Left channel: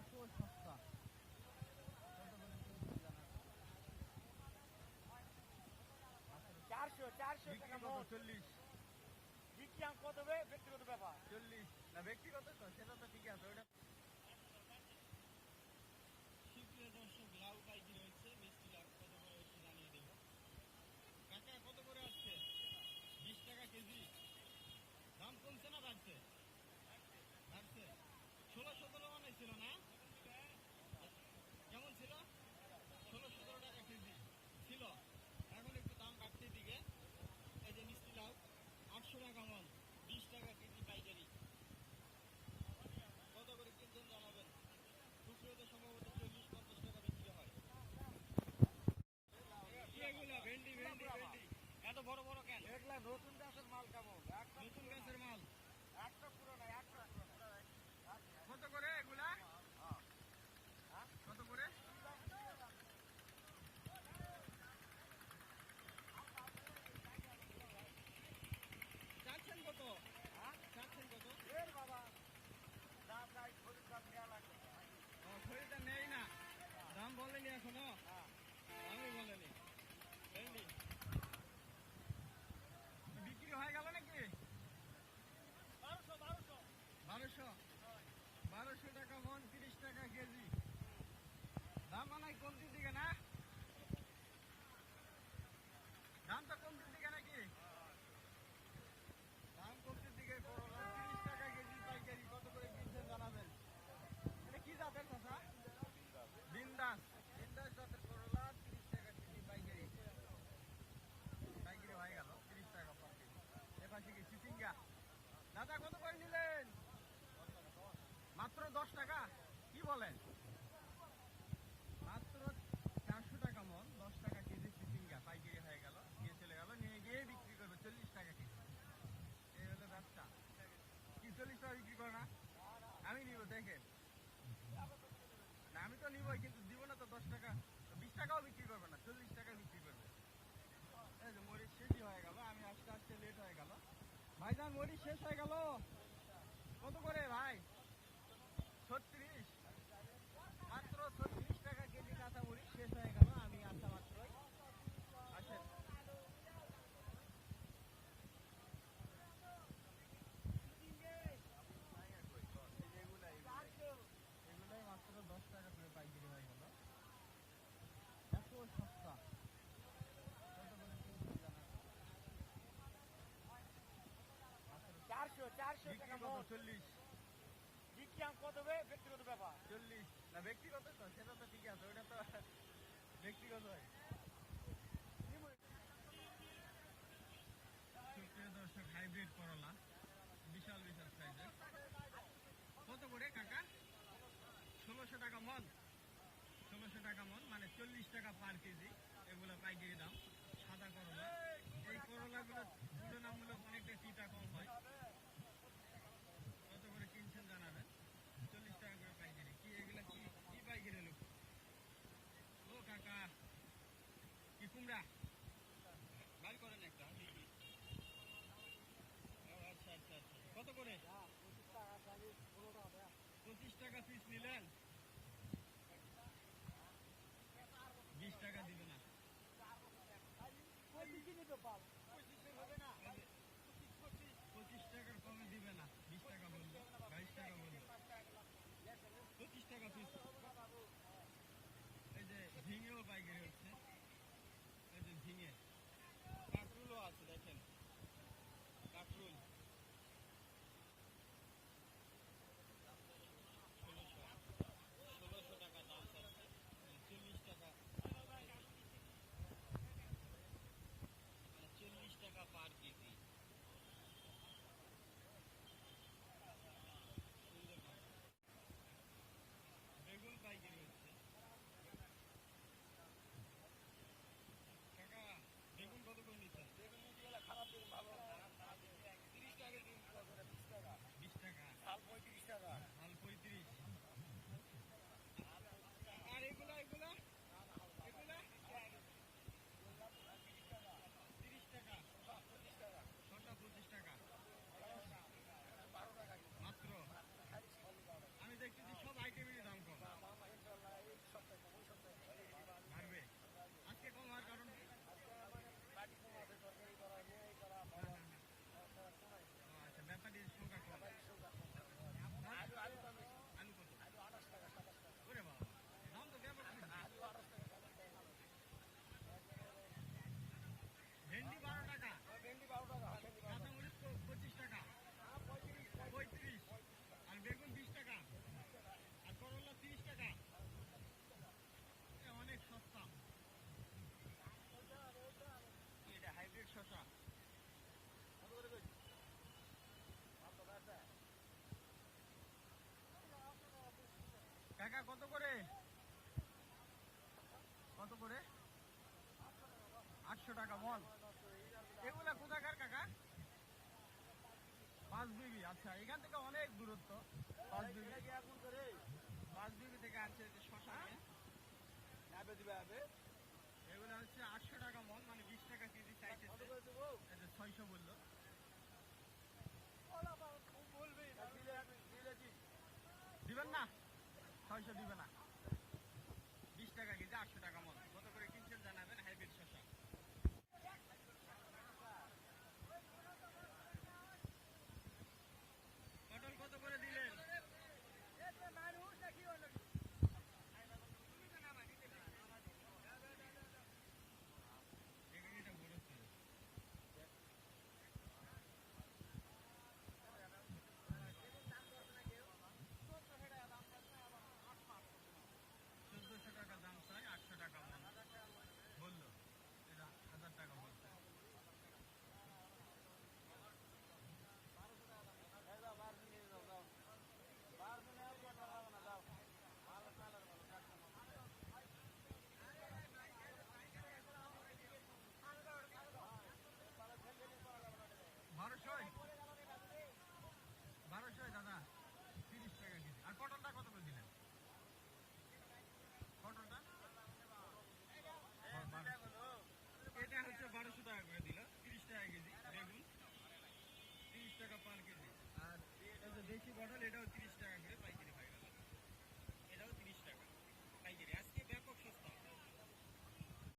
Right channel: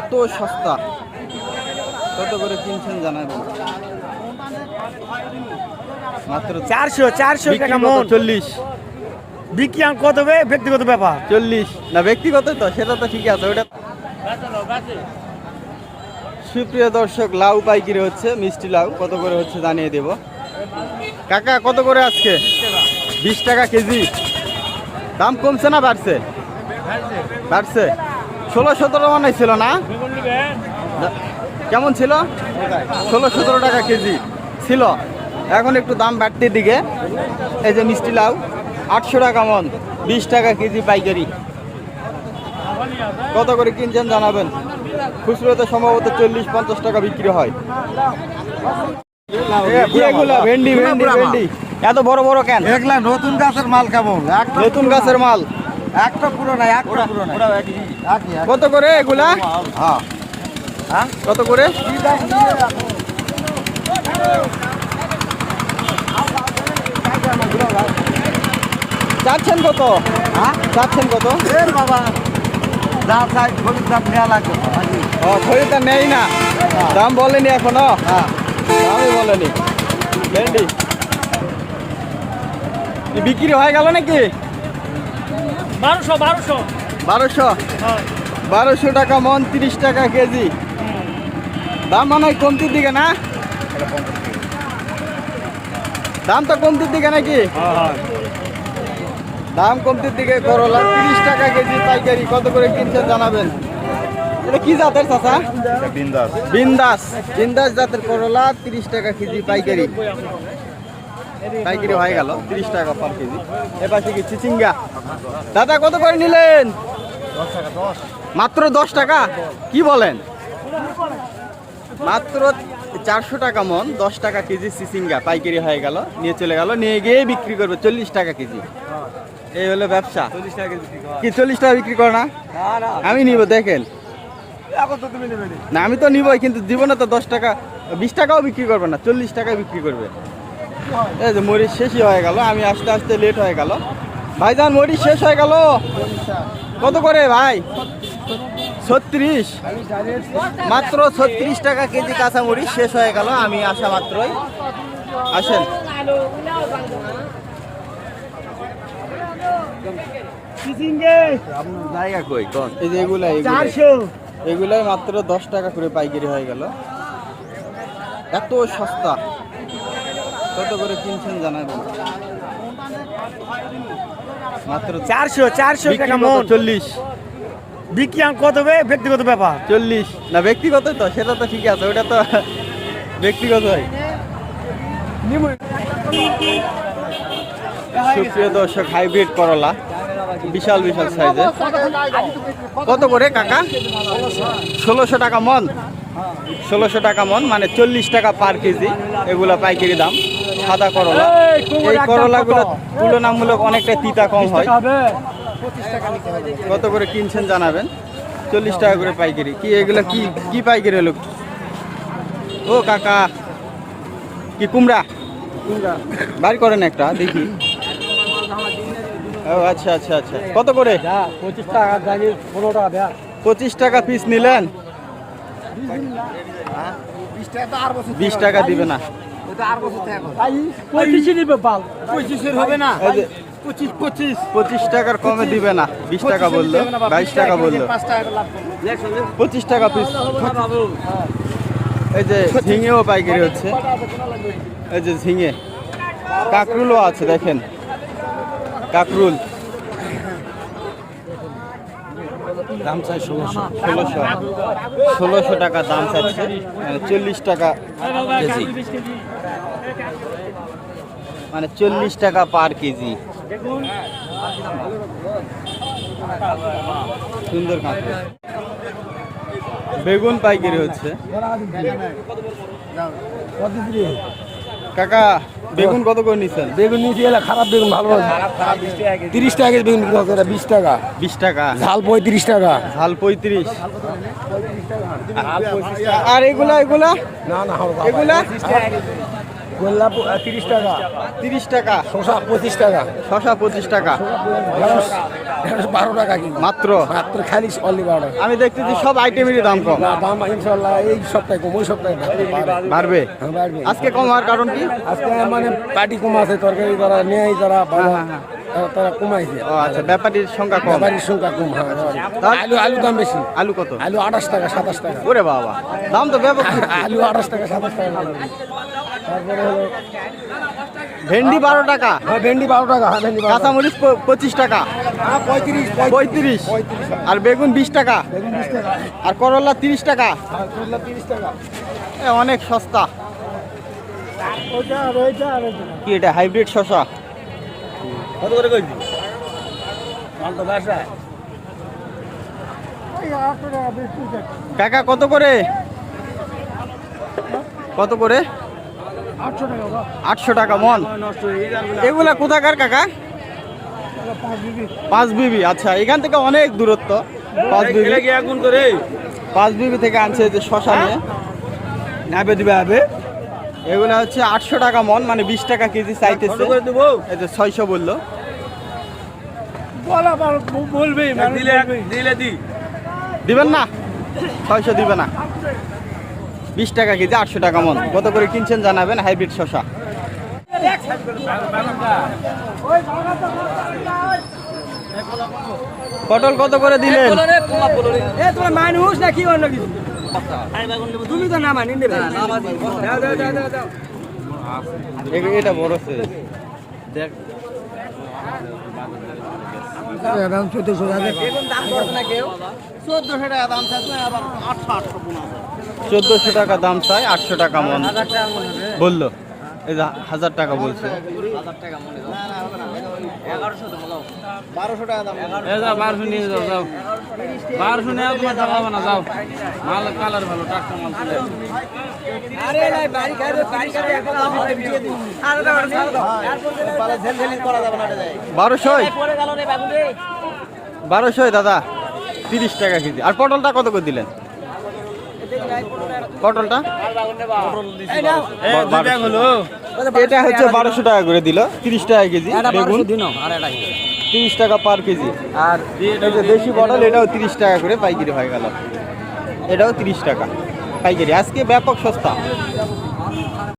এত সস্তা, কত করে কিনছেন জানাবেন। মাত্র 400 টাকা মন। 40 বিক্রি কত হবে ব্যক্তিগত ব্যাপার। 40 না ব্যক্তিগত তো, সেটা তো ঠিক আছে ওটা। সুপ্রিয় দর্শক, লাউ পাইকারি হচ্ছে, মিষ্টি লাউ কত করে হচ্ছে জানিয়ে দেব। কাকা কত করে আজকে? 20 টাকা কেজি। দাম কমছে না বাড়ছে? বাড়ছে। 16-17 মানে ছিল না? কেমন ছিল? 16-17 টাকা কেজি ছিল, এখন একটু দাম বাড়তির দিকে। এই যে মিষ্টি লাউ 800 টাকা মন, 20 টাকা কেজি পাইকারি। কত করে কিনছেন জানাবেন। খুচরোতে সম্ভবত 40-50 টাকা বিক্রি হয়। এগুলা ভেন্ডি ভেন্ডি ভেন্ডি এত বড় বড় কেন? এগুলা নতুন গাছের মাল কেমন? নতুন গাছের মাল। একটা পুরো নাই, একটা পুরো নাই। কত করে এগুলা? হ্যাঁ কত করে? চাচ্ছেন কত? হ্যাঁ চাচ্ছেন কত? বাবা যা চাই খরিদ দাম নেওয়া লাগবে। ও খরিদ্দার নেই না, দাম বলেনি এখনো? হ্যাঁ দামই বলেনি। ভেন্ডি বিক্রি হয়ে গেল নাকি? 1200 টাকা মন, 30 টাকা কেজি। দাম মনে হয় কমতির দিকে না? দাম তো কমতির দিকে নাকি? দাম কমতির দিকে। করলা 30 টাকা কেজি পাইকারি। কত করে কিনছেন জানাবেন। এটা কি জাতের চাচা? বিন্দাস। বিন্দাস জাতের করলা 30 টাকা কেজি পাইকারি। পাইকারি হয়ে গেল 30 টাকা পার কেজি। এপাশে কি চিচিঙ্গা? দাদা কত করে নিলেন? মাত্র 10 টাকা? কি বলেন? মাত্র 400 টাকা মন, 10 টাকা কেজি চিচিঙ্গা পাইকারি হয়ে গেল। নিয়ে চলে গেল, নিয়ে গিয়ে বিক্রি করবে 40 টাকা কেজি। এই হলো ব্যবসা। কি 40 টাকা বিক্রি করে না? আমি নিব, দেখেন না, আমি তো নিবই, কিন্তু জীবনে তো 10 টাকা 20 টাকাও বিক্রি করবে না, 40 টাকায় বিক্রি করবে। এই যে মরিচ শেষই হয়ে গেল, আমি আসতে আসতে লেট হয়ে গেল। ভাইজান মরিচ শেষ হয়ে গেল। কত করে ভাই? 36। মাত্র 36 টাকা কেজি কাঁচা মরিচ শেষ হয়ে গেল আমি আসা মাত্রই। আসেন। জায়গা কই কোন? এই যে এগুলাই মাত্র 10 টাকা করে পাইকারি হয়ে গেল। এত সস্তা, কত করে কিনছেন জানাবেন। মাত্র 400 টাকা মন। 40 বিক্রি কত হবে ব্যক্তিগত ব্যাপার। 40 না ব্যক্তিগত তো, সেটা তো ঠিক আছে, ওটা তো ব্যক্তিগত হয়। সুপ্রিয় দর্শক, হাইব্রিড করলা বিশাল বিশাল সাইজের। কত করে কাকা? 1600 টাকা মন। 1600 টাকা মন মানে 40 টাকা পার কেজি। এগুলা পাইকারি দাম। সাদা করলা, এই করলাগুলো তুলনামূলক অনেকটা তিতা কম হয়। কত করে কিনছেন জানাবেন। 40 টাকা করে পাইকারি। কি এগুলা কি কি পাইকারি হলো? ও কাকা, কি কুমড়া? বাইর করেন একটা দেখি। ও আচ্ছা আচ্ছা আচ্ছা, কত করে? 25 টাকা, 15 টাকা। 25 টাকা পিস নিলেন? 20 টাকা দিবে না? 25 হবে না। 25 টাকার কমে দিবে না। 20 টাকা বললো, 22 টাকা বললো। 25 টাকা পিস। এই যে ঝিঙেও পাইকারি হচ্ছে। এই যে ঝিঙে, কাকরুলও আছে দেখেন, কাকরুল দাম চাই 1600 টাকা দাম চাচ্ছে, 40 টাকা কেজি, মানে 40 টাকা পার কেজি। সুন্দর কাঁকরুল। বেগুন পাইকারি হচ্ছে। কাকা বেগুন কত করে নিচ্ছেন? বেগুন নিচে এলে খারাপ বেগুন, ভালো 30 টাকা বেগুন বিক্রি হচ্ছে। 20 টাকা। 20 টাকা। ঝাল 35 টাকা। ঝাল 35। আর এগুলা এগুলা না না এগুলা গোল্লা 30 টাকা, 30 টাকা, শসা 25 টাকা, শশা 25 টাকা ঢেঁড়স 12 টাকা কেজি। মাত্র। মাত্র খালি অনলি 12 টাকা। আমি দেখতেছি সব আইটেমেরই দাম কম। না, দাম ইনশাআল্লাহ এই সপ্তাহে কম, ওই সপ্তাহে বাড়বে। বাড়বে। হ্যাঁ, বাড়বে। আজকে কম হওয়ার কারণ কি? আজকে মানে পার্টি কম আছে, তরকারি তারা নেয়, তারা তারা কমাইছে। ও আচ্ছা, ব্যাপারীর সংখ্যা কম। ব্যাপারীর সংখ্যা কম। হ্যাঁ, আলু দাম বেশি। আলু কত? আলু 28 টাকা, 27 টাকা। ওরে বাবা, দাম তো ব্যাপক। আলু 28 টাকা, 27 টাকা। তারপরে হলো ভেন্ডি 12 টাকা, ভেন্ডি 12 টাকা। হ্যাঁ, ভেন্ডি 12 টাকা। কাঁচামরিচ 25 টাকা, 35, আর বেগুন 20 টাকা, বেগুন 20 টাকা। আর করলা 30 টাকা। আর করলা 30 টাকা। অনেক সস্তা। ওইটা আর ওইটা আর ওইটা। কি এটা হাইব্রিড শসা? কত করে কইছি? মাল তো বাসায়। ওই 8 টাকা 20 টাকা। কাকা কত করে? কত করে? 800 টাকা বাবা। 800 টাকা মন। নষ্ট হয়ে গেছে। এগুলা কোথাকার কাকা? 5 বিবি। 5 বিবি। আচ্ছা, এখান থেকে অনেক দূরত্ব। 5 বিবি। কি আগুন করে? 5 বিবি থেকে আনছে যে শসা নিয়ে। নাবে দিবে হবে। এগুলা হচ্ছে 800 টাকা মন, মানে 20 টাকা কেজি চাইতেছে। কত করে দেব? এই যে 600 বললো। বলা বলবে দিলে দি। দিবেন না? 600 দিবে না। 20 টাকা কেজি, 800 টাকা মন। কত করে কিনছেন জানাবেন হাইব্রিড শসা। পটল কত করে দিলেন? তোমার মানুষ না কি অন্য কিছু? তুমি তো না মানি নেবে। এটা বড় সাইজ। দেখ দাম 1400 টাকা। 1400 টাকা দাম চাই, 800 টাকা মন বললো। এই যে 1000 টাকা বলছে। 1200 টাকা দাম। 1200 নিয়ে যাও, যাও 1200 নিয়ে তোমার টাকা হবে না, যাও মাল কালার ভালো, টাটকা মাল চলে আসছে। আরে নাই বাড়ি খাইবে, বাড়ি খাইবে এখন আমি দিয়ে দিই। আরে দাও, ছাড় দাও। পালা ঝেলঝেলি করা যাবে না এটা। 1200 পড়ে গেল রে বাবু রে। 1200 দাদা, 30 টাকা কেজি। আর পটলটা কত করে দিলেন? পটলটা এই নাও। এটা হচ্ছে 1200 টাকা করে দিল, 30 টাকা কেজি। বেগুন দিনো আর এটা 30 টাকা পার কেজি। আর এই যে দেশি পটল, এটাও 30 টাকা করে পাইকারি হয়ে গেল। এটাও 30 টাকা পাইকারি। আজকে ব্যাপক সস্তা।